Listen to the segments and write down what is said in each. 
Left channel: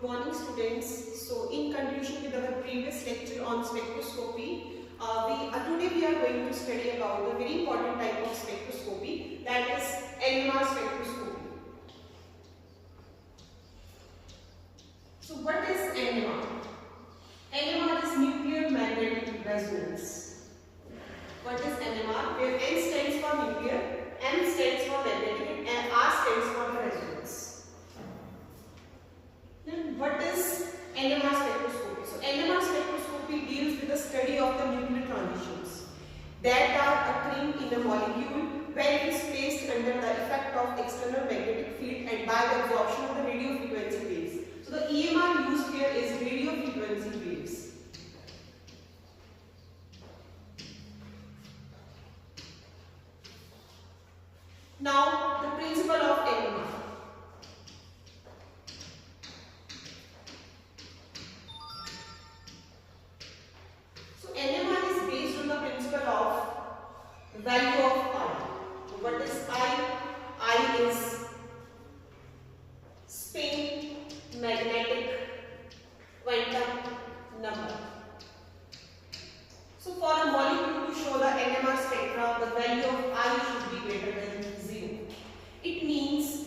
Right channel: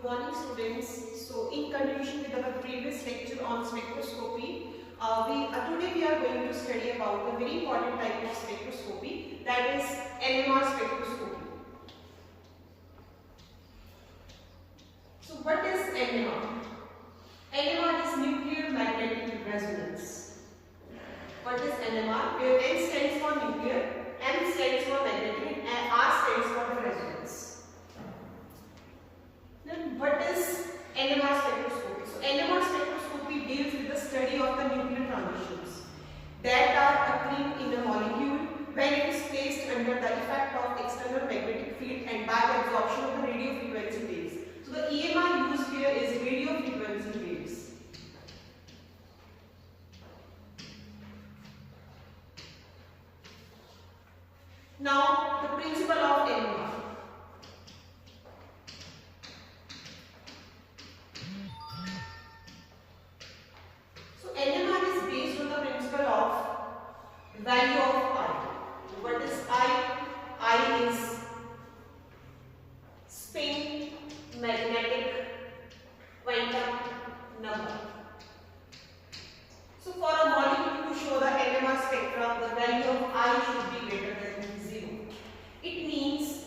Good morning, students. So in continuation with our previous lecture on spectroscopy, today we are going to study about the very important type of spectroscopy, that is NMR spectroscopy. So what is NMR? NMR is nuclear magnetic resonance. What is NMR? Where N stands for nuclear, M stands for magnetic, and R stands for the resonance. Then what is NMR spectroscopy? So NMR spectroscopy deals with the study of the nuclear transitions that are occurring in a molecule when it is placed under the effect of external magnetic field and by the absorption of the radio frequency waves. So the EMR used here is radio frequency waves. Now the principle of NMR. NMR is based on the principle of value of I. What is I? I is spin magnetic quantum number. So for a molecule to show the NMR spectra, the value of I should be greater than 0. It means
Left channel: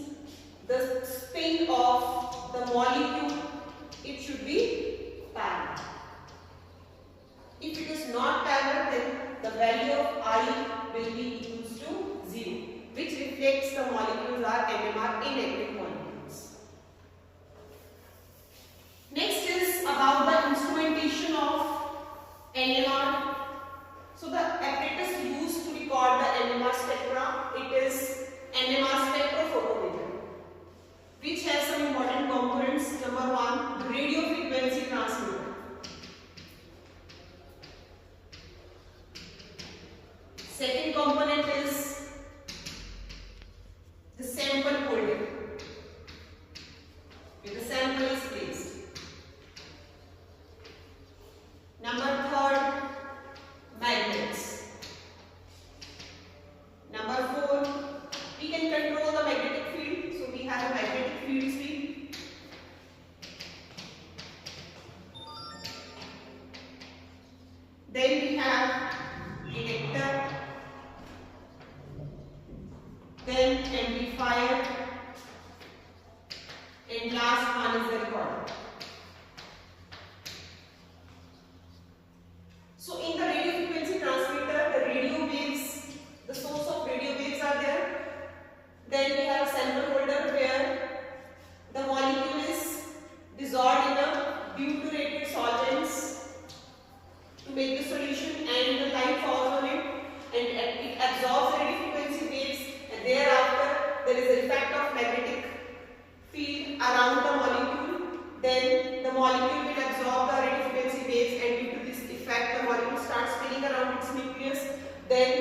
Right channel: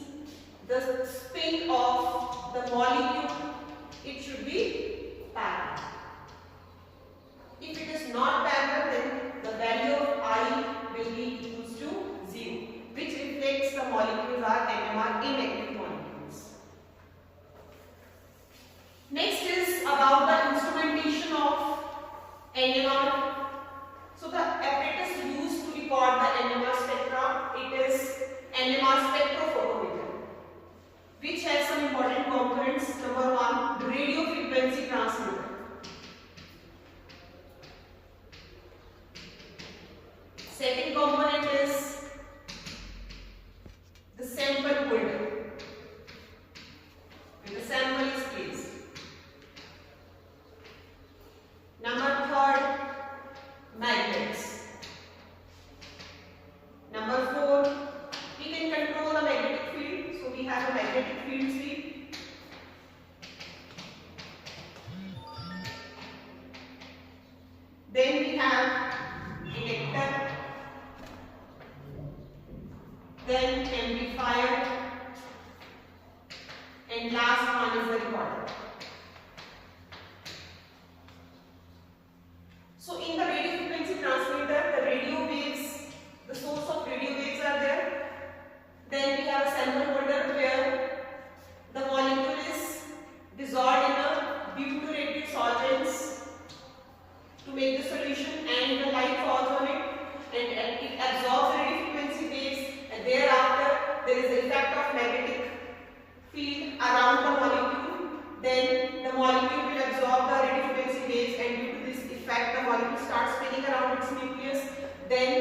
the spin of the molecule, it should be parallel. If it is not parallel, then the value of I will be equals to 0, which reflects the molecules are NMR inactive molecules. Next is about the instrumentation of NMR. So the apparatus used to record the NMR spectra, it is NMR spectrophotometer, which has some important components. Number 1, the radio frequency transmitter. Second component is the sample holder, where the sample is placed. Number 3, magnets. Number 4, we can control the magnetic field, so we have a magnetic field sweep. Then we have detector. Then amplifier, and last one is the recorder. So in the radio frequency transmitter, the radio waves, the source of radio waves are there. Then we have a sample holder where the molecule is dissolved in a butyrated solvents to make the solution, and the light falls on it and it absorbs the radio frequency waves. Thereafter, there is the effect of magnetic field around the molecule. Then the molecule will absorb the radio frequency waves, and due to this effect, the molecule starts spinning around its nucleus. Then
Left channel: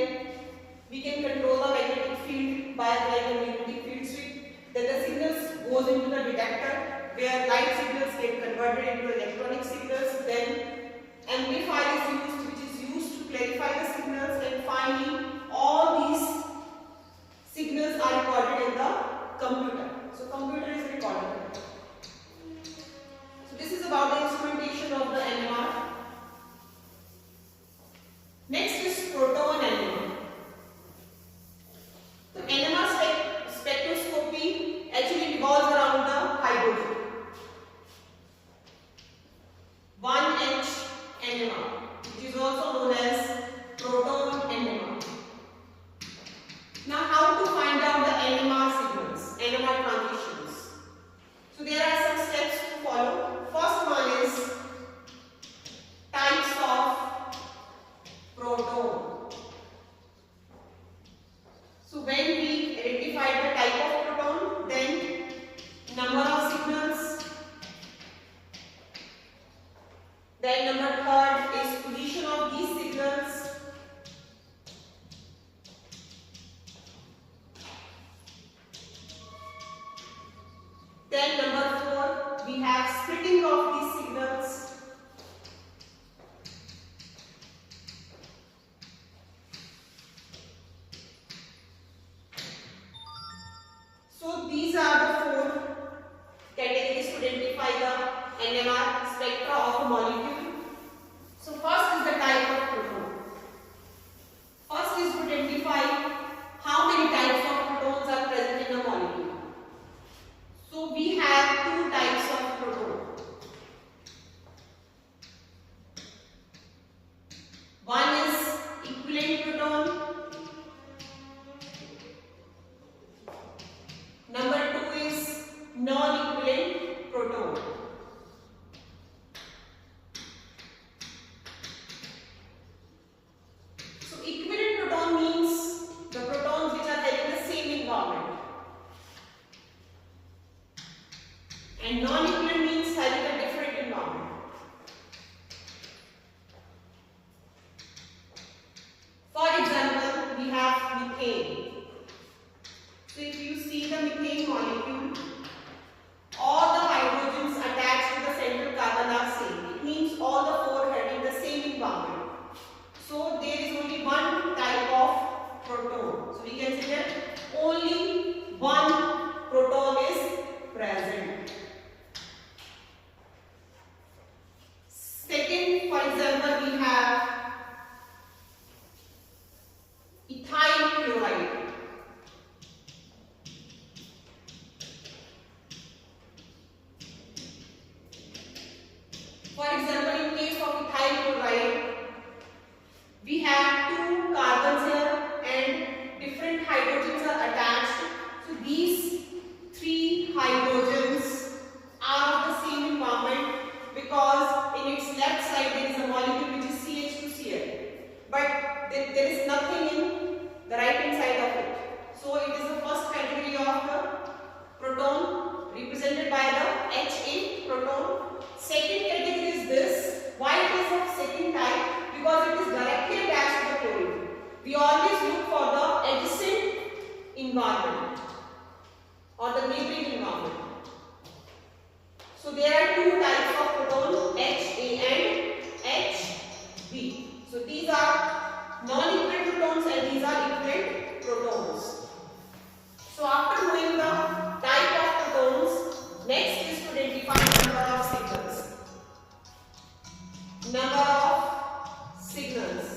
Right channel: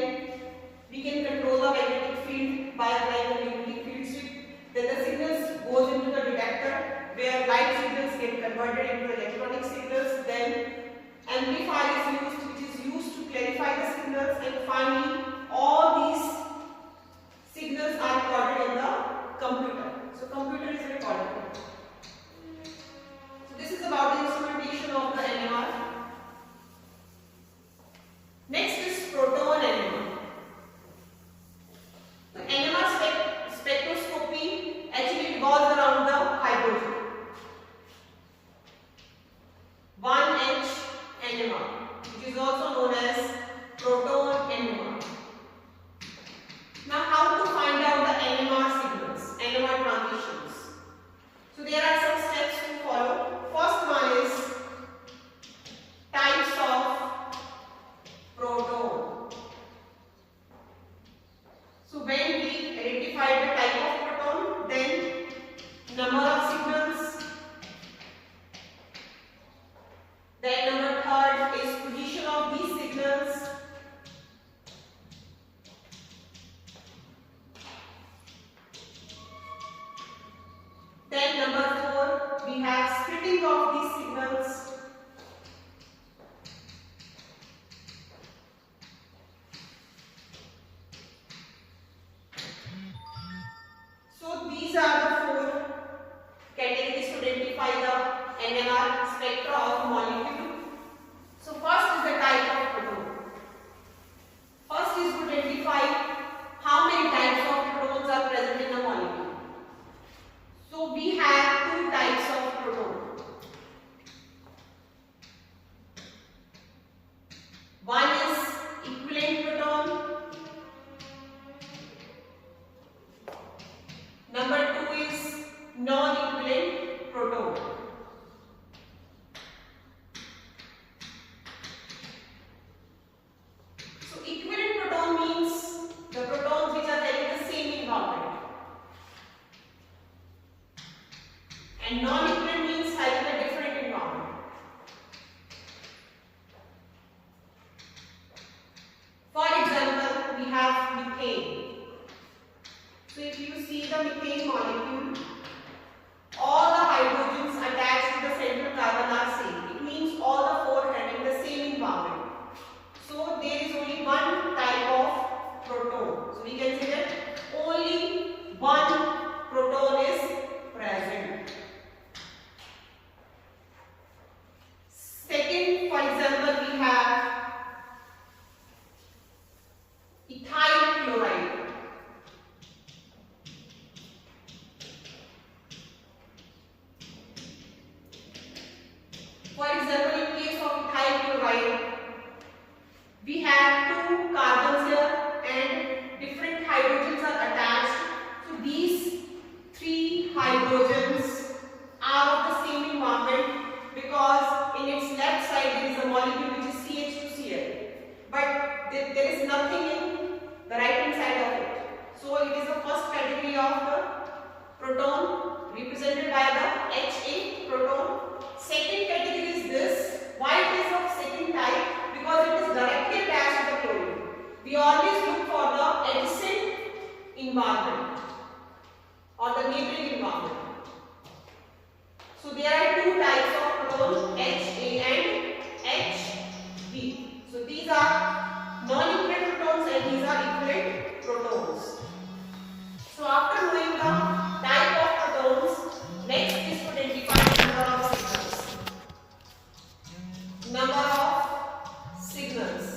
we can control the magnetic field by applying a magnetic field sweep. Then the signals goes into the detector, where light signals get converted into electronic signals. Then amplifier is used, which is used to clarify the signals, and finally all these signals are recorded in the computer. So computer is recording. So this is about the instrumentation of the NMR. Next is Proton NMR. So NMR spectroscopy actually revolves around the hydrogen. 1H NMR, which is also known as Proton NMR. Now, how to find out the NMR signals, NMR transitions? So there are some steps to follow. First one is types of proton. So when we identify the type of proton, then number of signals. Then number 3 is position of these signals. Then number 4, we have splitting of these signals. So these are the 4 categories to identify the proton. So equivalent proton means the protons which are having the same environment, and non-equivalent means having a different environment. For example, we have methane. So if you see the methane molecule, all the hydrogens attached to the central carbon are same. It means all the four having the same environment. So there is only one type of proton. So we can say that only one proton is present. Second, for example, we have ethyl chloride. For example, in case of ethyl chloride, we have two carbons here and different hydrogens are attached. So these three hydrogens are of the same environment because in its left side there is a molecule which is CH2Cl, but there is nothing in the right hand side of it. So it is the first category of the proton represented by the Ha proton. Second category is this. Why it is of second type? Because it is directly attached to the chlorine. We always look for the adjacent environment or the neighboring environment. So there are two types of protons, Ha and Hb. So these are non-equivalent protons and these are equivalent protons. So after knowing the type of protons, next is to identify the number of signals. Number of signals.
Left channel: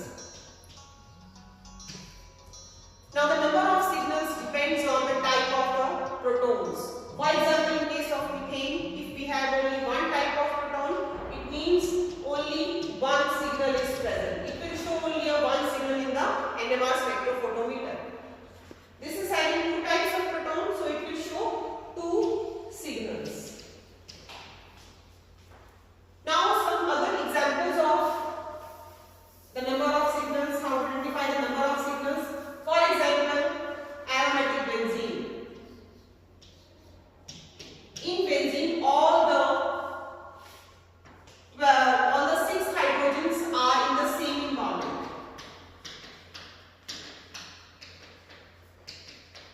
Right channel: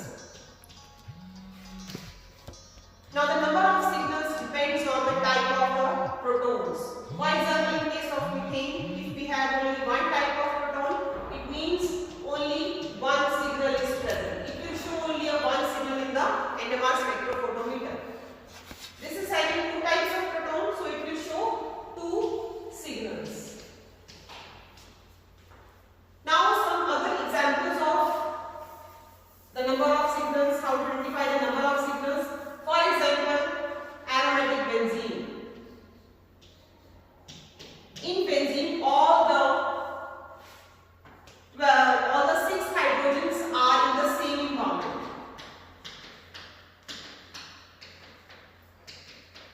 Now the number of signals depends on the type of the protons. For example, in case of methane, if we have only one type of proton, it means only one signal is present. It will show only one signal in the NMR spectrophotometer. This is having two types of protons, so it will show two signals. Now some other examples of the number of signals, how to identify the number of signals. For example, aromatic benzene. In benzene, all the 6 hydrogens are in the same environment.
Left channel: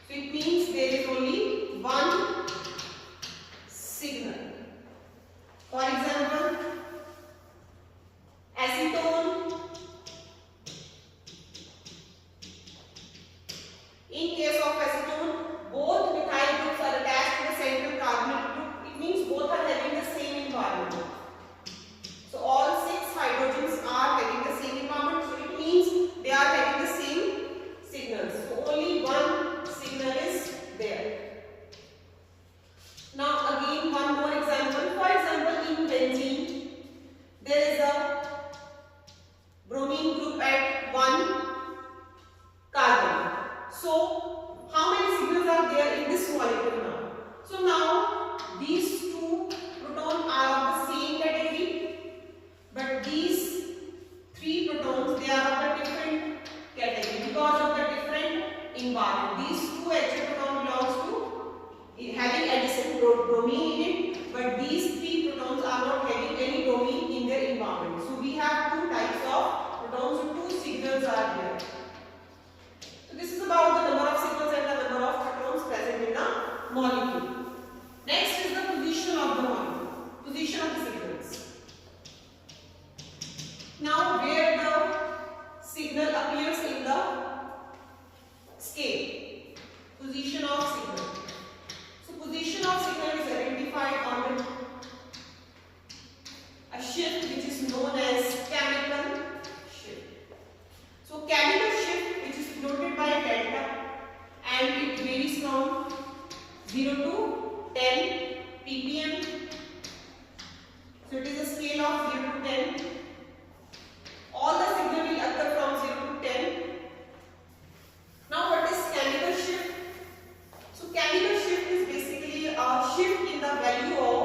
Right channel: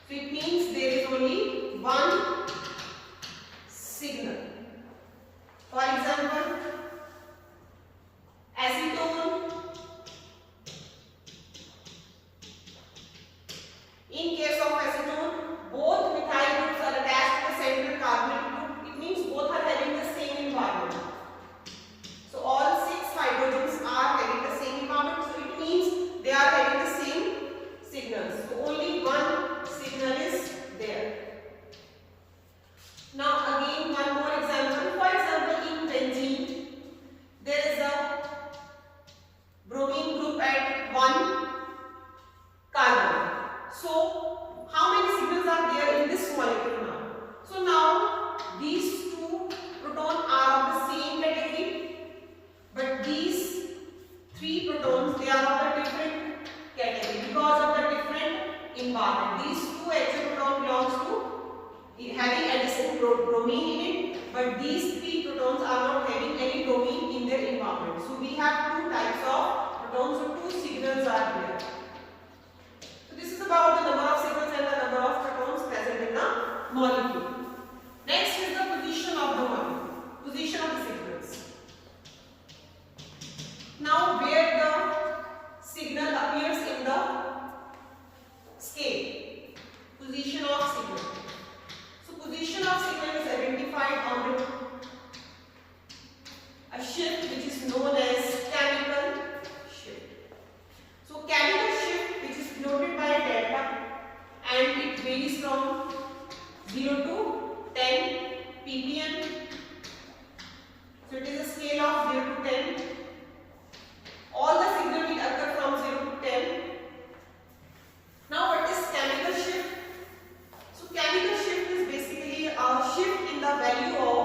So it means there is only one signal. For example, acetone. In case of acetone, both methyl groups are attached to the central carbonyl group. It means both are having the same environment. So all 6 hydrogens are having the same environment. So it means they are having the same signals. So only one signal is there. Now again one more example. For example, in benzene, there is a bromine group at 1 carbon. So how many signals are there in this molecule now? So now these two protons are of the same category, but these 3 protons, they are of a different category because of the different environment. These 2 actual protons belongs to having adjacent bromine in it, but these 3 protons are not having any bromine in their environment. So we have 2 types of protons, so 2 signals are there. So this is about the number of signals and the number of protons present in the molecule. Next is the position of the molecule, position of the signals. Now where the signal appears in the scale, position of signal. So position of signal is identified on a shift which is known as chemical shift. So chemical shift which is denoted by delta and it varies from 0 to 10 ppm. So it is a scale of 0 to 10. All the signal will occur from 0 to 10. Now what is chemical shift? So chemical shift is basically a shift in the value of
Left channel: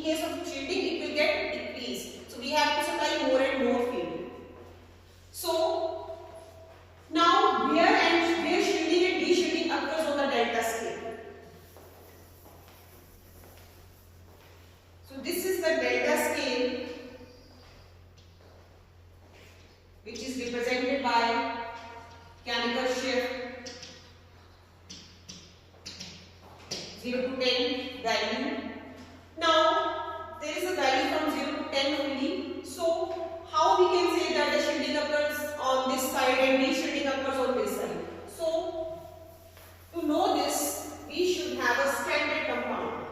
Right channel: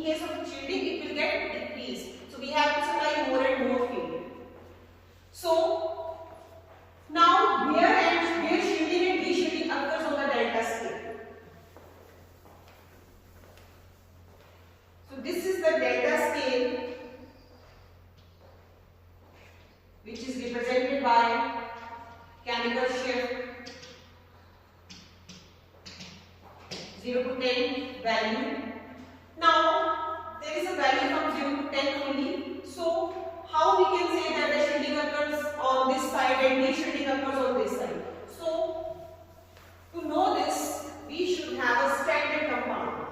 In case of shielding, it will get decreased. So we have to supply more and more field. So now where shielding and de-shielding occurs on the delta scale. So this is the delta scale, which is represented by chemical shift 0 to 10 value. Now there is a value from 0 to 10 only. So how we can say that the shielding occurs on this side and de-shielding occurs on this side? So to know this, we should have a standard compound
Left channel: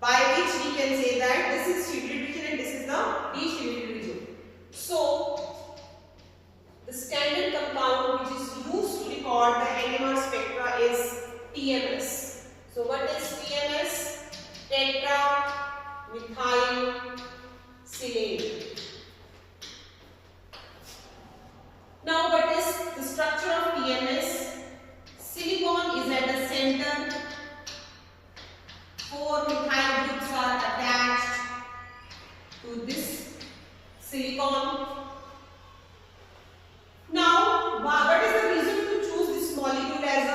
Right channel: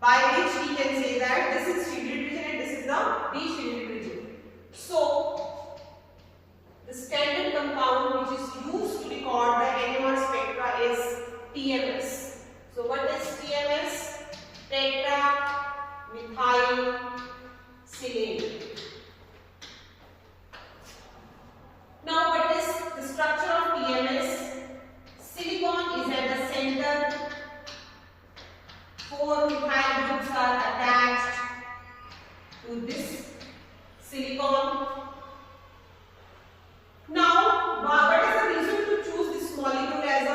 by which we can say that this is shielded region and this is the de-shielded region. So the standard compound which is used to record the NMR spectra is TMS. So what is TMS? Tetra methyl silane. Now what is the structure of TMS? Silicon is at the center. 4 methyl groups are attached to this silicon. Now, what is the reason to choose this molecule as a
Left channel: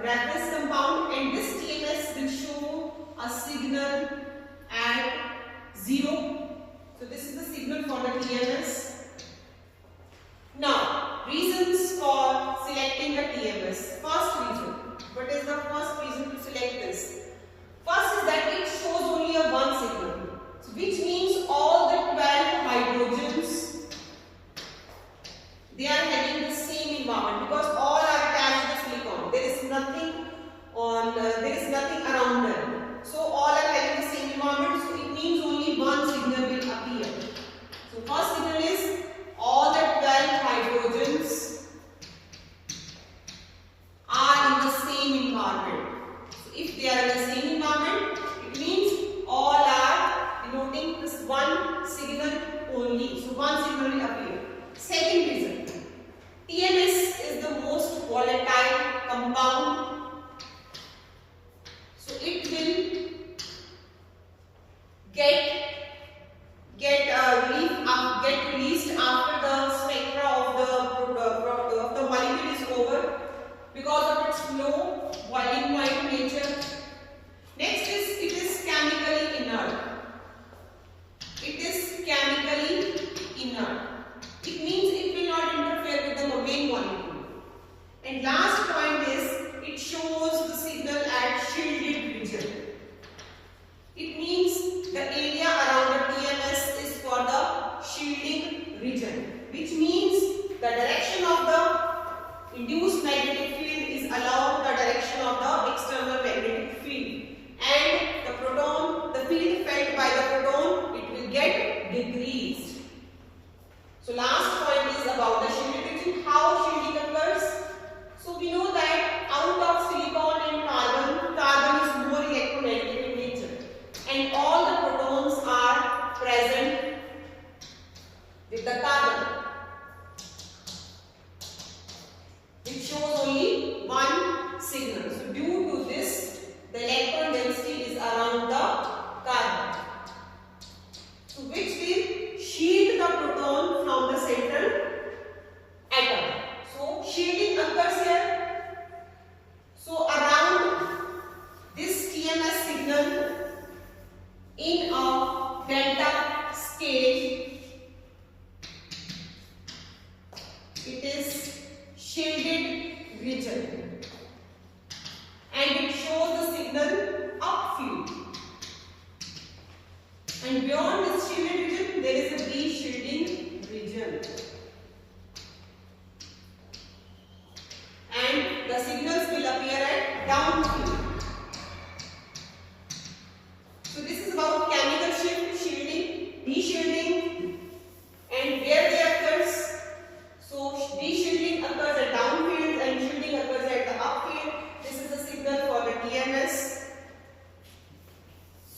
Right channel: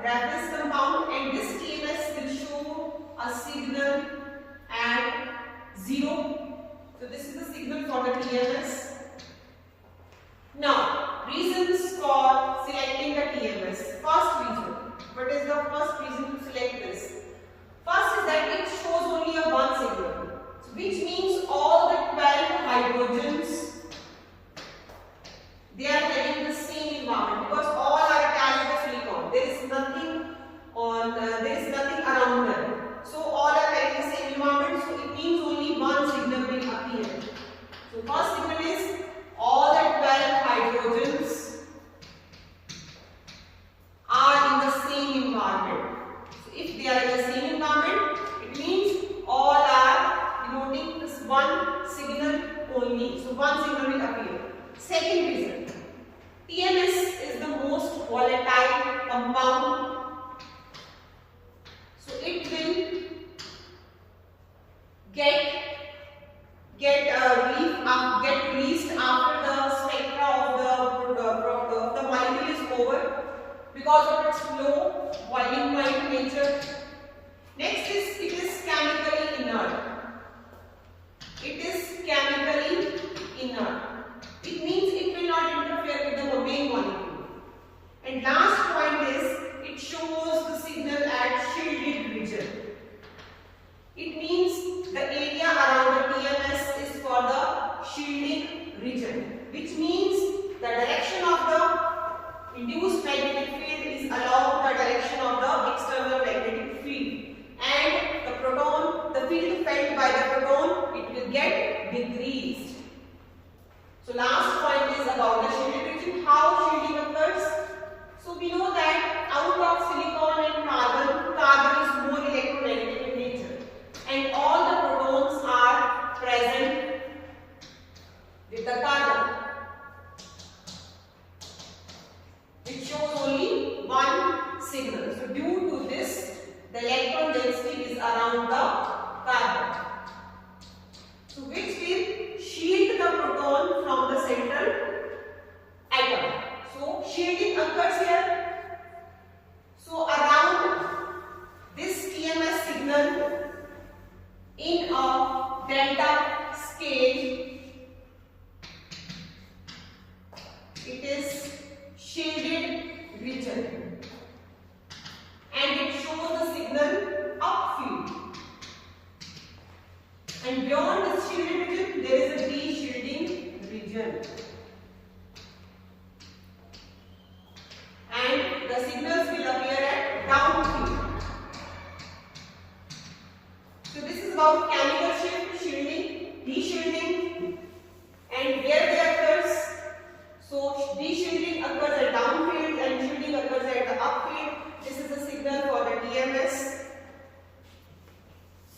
reference compound? And this TMS will show a signal at 0. So this is the signal for the TMS. Now, reasons for selecting the TMS. First reason. What is the first reason to select this? First is that it shows only a one signal, so which means all the 12 hydrogens, they are having the same environment because all are attached to silicon. There is nothing around them. So all are having the same environment. So it means only one signal will appear. So first signal is all the 12 hydrogens are in the same environment. So if they are in the same environment, it means all are denoting this one signal only. So one signal will appear. Second reason, TMS is the most volatile compound. So it will get released after the spectra of the molecule is over because of its low boiling point nature. Next is it is chemically inert. It is chemically inert. It means it will not interfere with the main molecule. And last point is it shows the signal at shielded region. It means the area around the TMS is for the shielding region, which means the direction of the induced magnetic field is along the direction of the external magnetic field, and the field felt by the proton, it will get decreased. So last point is about the shielded region. How shielding occurs? So we know that out of silicon and carbon is more electronegative in nature, and all the protons are present with the carbon, which shows only one signal. So due to this, the electron density is around the carbon, so which will shield the proton from the central atom. So shielding occurs here. So around this TMS signal in a delta scale, it is shielded region and it shows the signal upfield. And beyond this shielded region, there is a de-shielding region. And the signals will appear at downfield. So this is about chemical shift, shielding, de-shielding, and where they occurs. So de-shielding occurs at downfield and shielding occurs at the upfield. This is the signal for the TMS.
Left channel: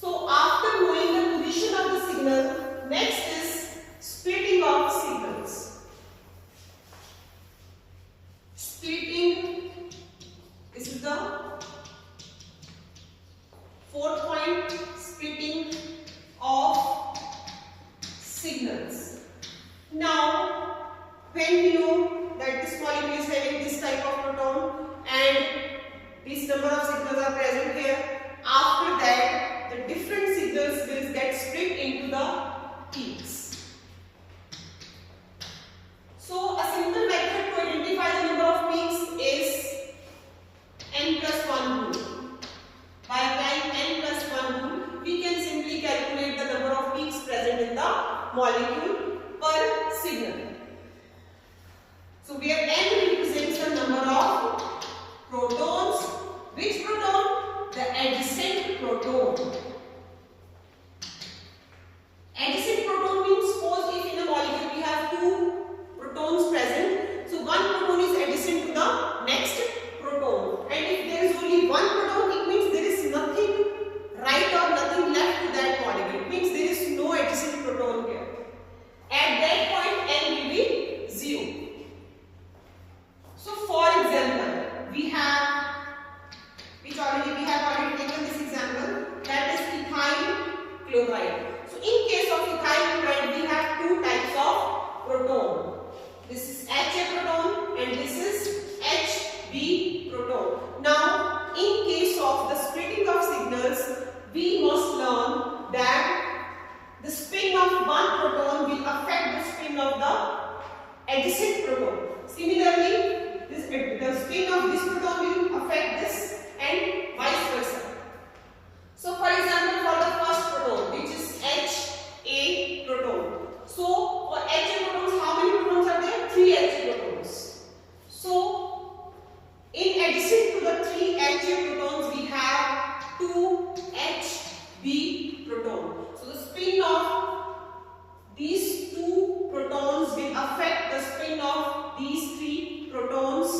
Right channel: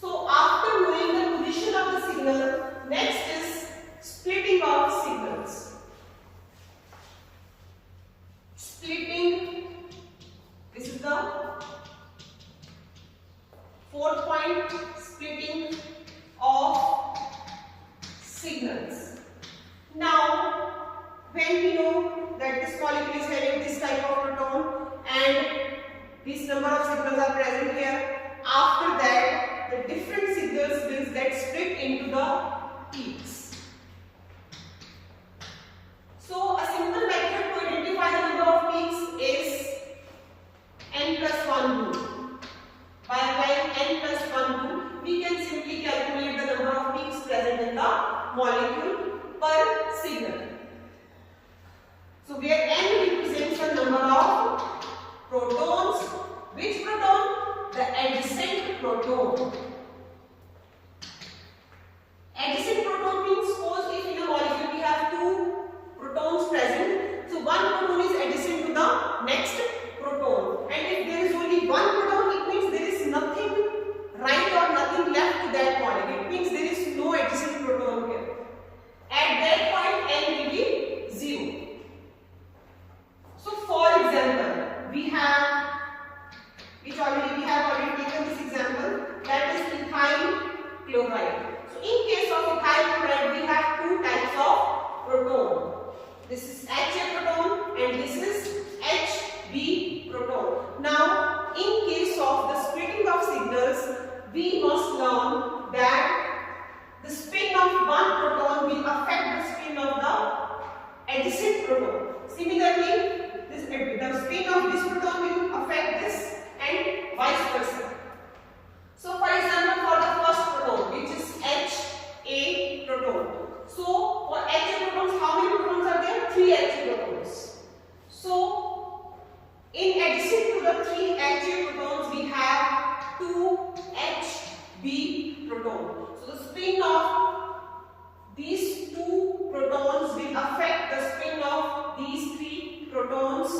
So after knowing the position of the signal, next is splitting of signals. are present here. After that, the different signals will get split into the peaks. So a simple method to identify the number of peaks is n plus 1 rule. By applying n plus 1 rule, we can simply calculate the number of peaks present in the molecule per signal. So where n represents the number of protons. Which proton? The adjacent proton. Adjacent proton means, suppose if in a molecule we have two protons present, so one proton is adjacent to the next proton, and if there is only one proton, it means there is nothing right or nothing left to that molecule. It means there is no adjacent proton here. At that point, n will be 0. So for example, we have already taken this example, that is ethyl chloride. So in case of ethyl chloride, we have two types of proton. This is Ha proton and this is Hb proton. Now, in case of the splitting of signals, we must learn that the spin of one proton will affect the spin of the adjacent proton. Similarly, the spin of this proton will affect this and vice versa. So for example, for the first proton, which is Ha proton. So for Ha protons, how many protons are there? 3 Ha protons. So in addition to the 3 Ha protons, we have 2 Hb proton. So the spin of these two protons will affect the spin of these 3 protons.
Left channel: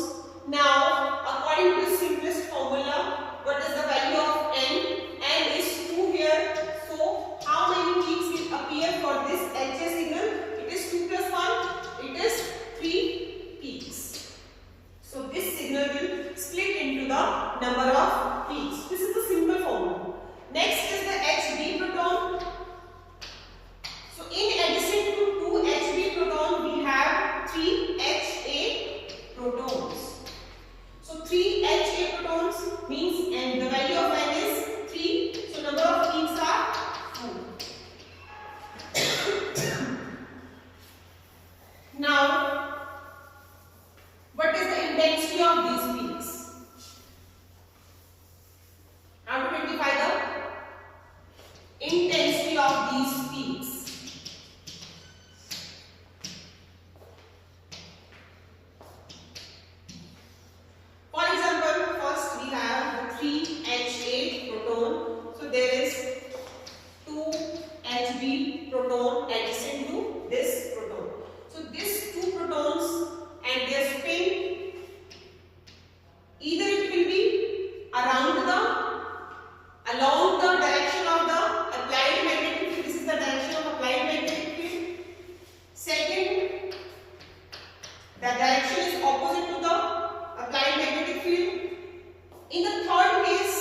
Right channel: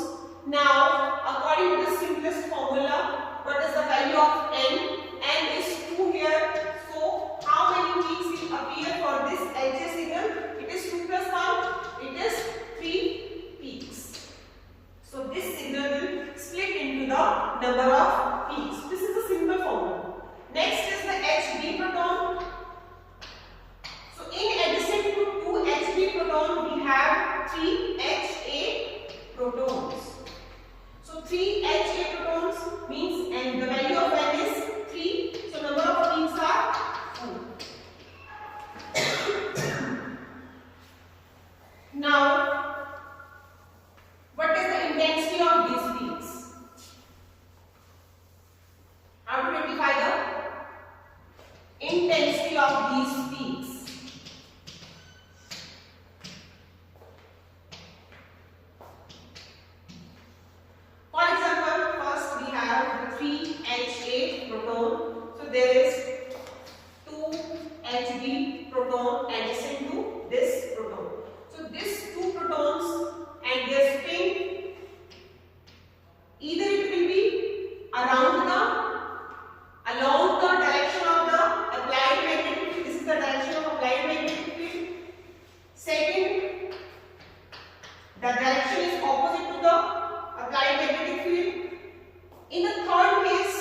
Now, according to the simplest formula, what is the value of n? N is 2 here. So, how many peaks will appear for this Ha signal? It is 2 plus 1. It is 3 peaks. So, this signal will split into the number of peaks. This is the simple formula. Next is the Hb proton. So, in addition to 2 Hb proton, we have 3 Ha protons. So 3 Ha protons means, and the value of n is 3. So number of peaks are 4. Now, what is the intensity of these peaks? How to identify the intensity of these peaks? For example, first we have the 3 Ha proton. So there is 2 Hb proton adjacent to this proton. So these two protons and their spin, either it will be along the direction of the applied magnetic field. This is the direction of applied magnetic field. Second, the direction is opposite to the applied magnetic field. In the third case,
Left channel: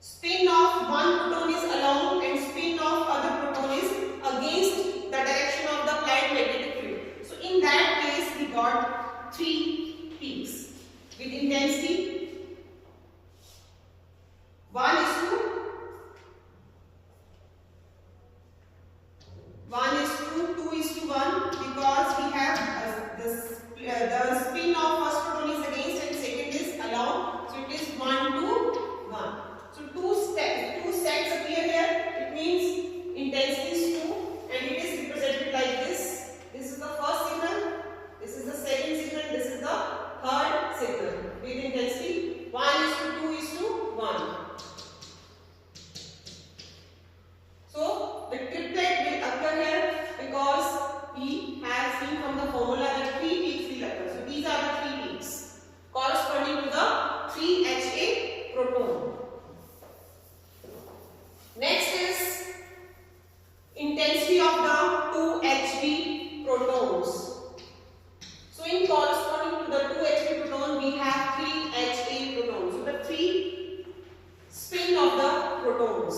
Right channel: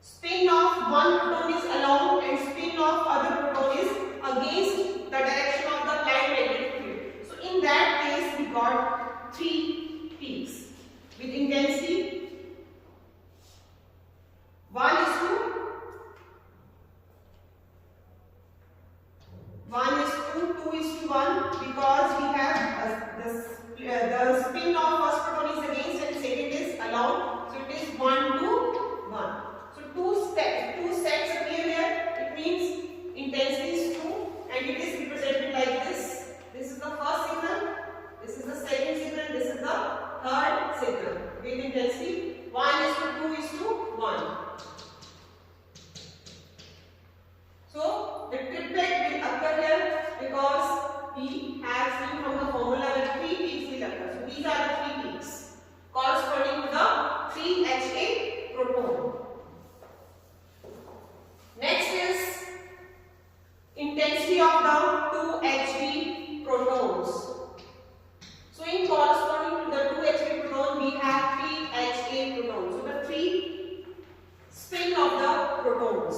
spin of one proton is along and spin of other proton is against the direction of the applied magnetic field. So in that case, we got 3 peaks with intensity 1 is to 2 is to 1, because we have the spin of first proton is against and second is along. So it is 1 to 1. So two sets appear here. It means intensity is 2 and it is represented like this. This is the first signal, this is the second signal, this is the third signal with intensity 1 is to 2 is to 1. So the triplet will occur here because we have seen from the formula that 3 peaks will occur. So these are the 3 peaks corresponding to the 3 Ha proton. Next is intensity of the 2 Hb protons. So in corresponding to the 2 Hb proton, we have 3 Ha protons. So the 3 spin of the protons.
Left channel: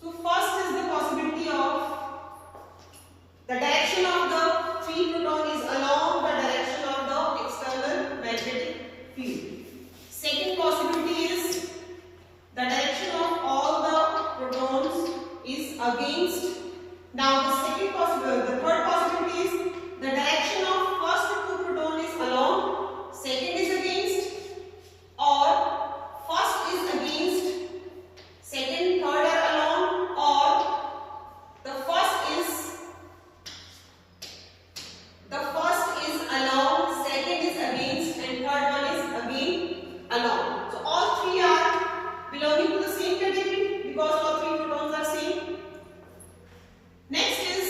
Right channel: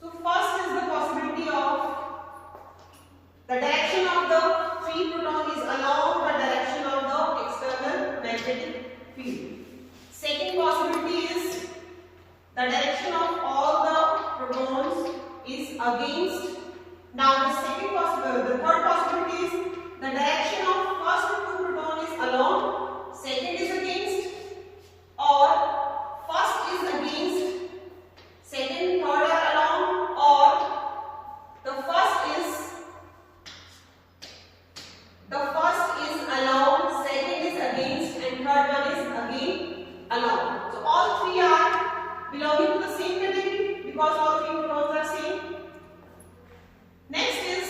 So first is the possibility of the direction of the 3 proton is along the direction against. Now the third possibility is the direction of first two proton is along, second is against, or first is against, second, third are along, or the first is along, second is against, and third one is again along. So all three are belonging to the same category because all three protons are same. Next is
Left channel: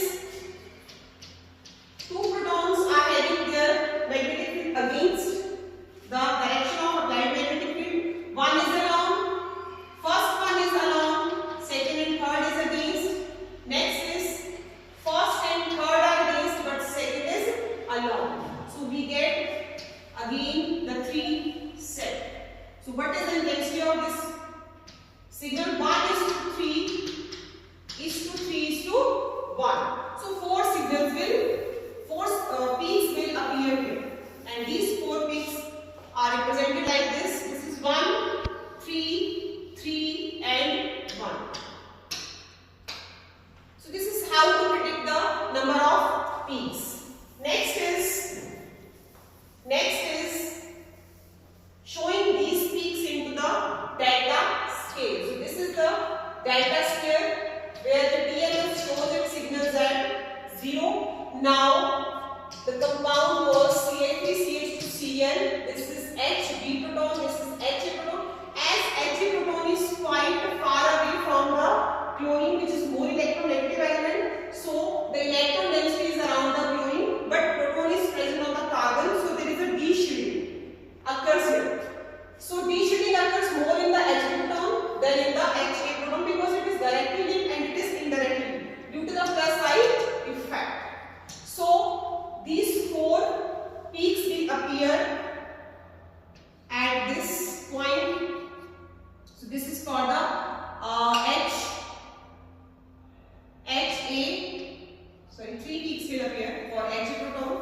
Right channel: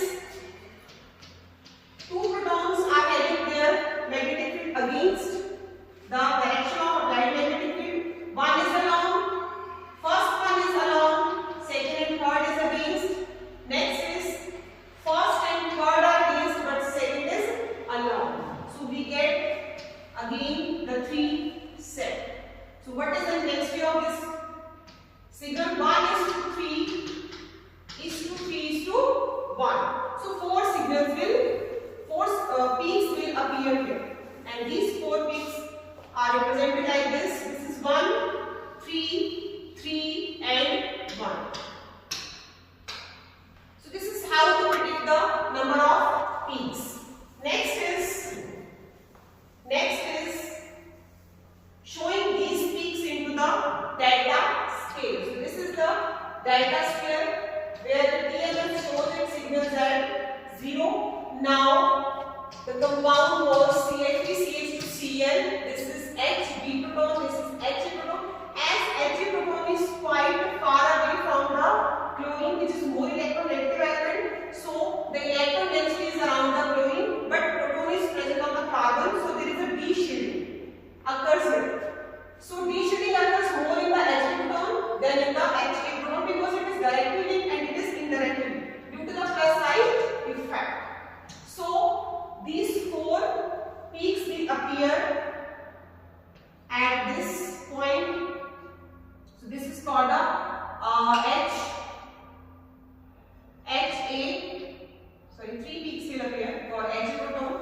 two protons are having their magnetic field against the direction of magnetic field. One is along, first one is along, second and third is against. Next is first and third are against, but second is along. So we get again the three set. So what is the intensity of this signal? 1:3 is to 3 is to 1. So four peaks will appear here, and these four peaks are represented like this. This is 1, 3, 3, and 1. So this is how to predict the number of peaks. Next is showing these peaks into the delta scale. So this is the delta scale where the TLS shows its signals at 0. Now the compound was CH2Cl. This is Hb proton. This is Ha proton. As Ha proton is quite far away from the chlorine, which is more electronegative element, so the electron density is around the chlorine, but proton is present on the carbon, so there is a D-shielding occurs here. So D-shielding occurs more in the Hb proton than in the Ha proton because it is directly linked and it is indirectly linked due to the plus side effect. So these four peaks will appear at this point. So this is for the three peaks will appear for Ha proton.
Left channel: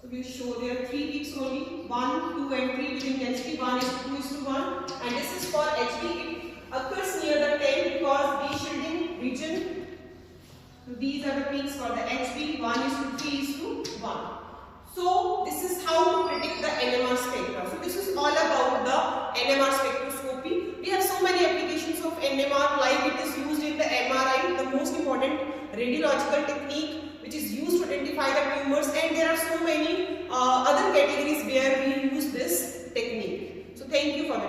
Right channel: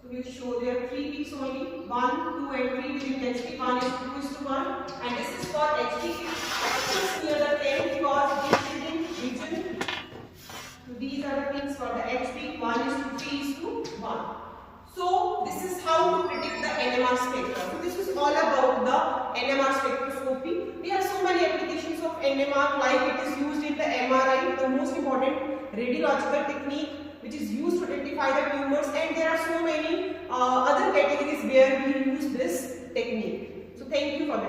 So we will show there are three peaks only, 1, 2 and 3 with intensity 1 is to 2 is to 1, and this is for Hb. It occurs near the 10 because D-shielding region. So these are the peaks for the Hb, 1 is to 3 is to 1. So this is how to predict the NMR spectra. So this is all about the NMR spectroscopy. We have so many applications of NMR, like it is used in the MRI, the most important radiological technique which is used to identify the tumors, and there are so many other categories where we use this technique. So thank you for the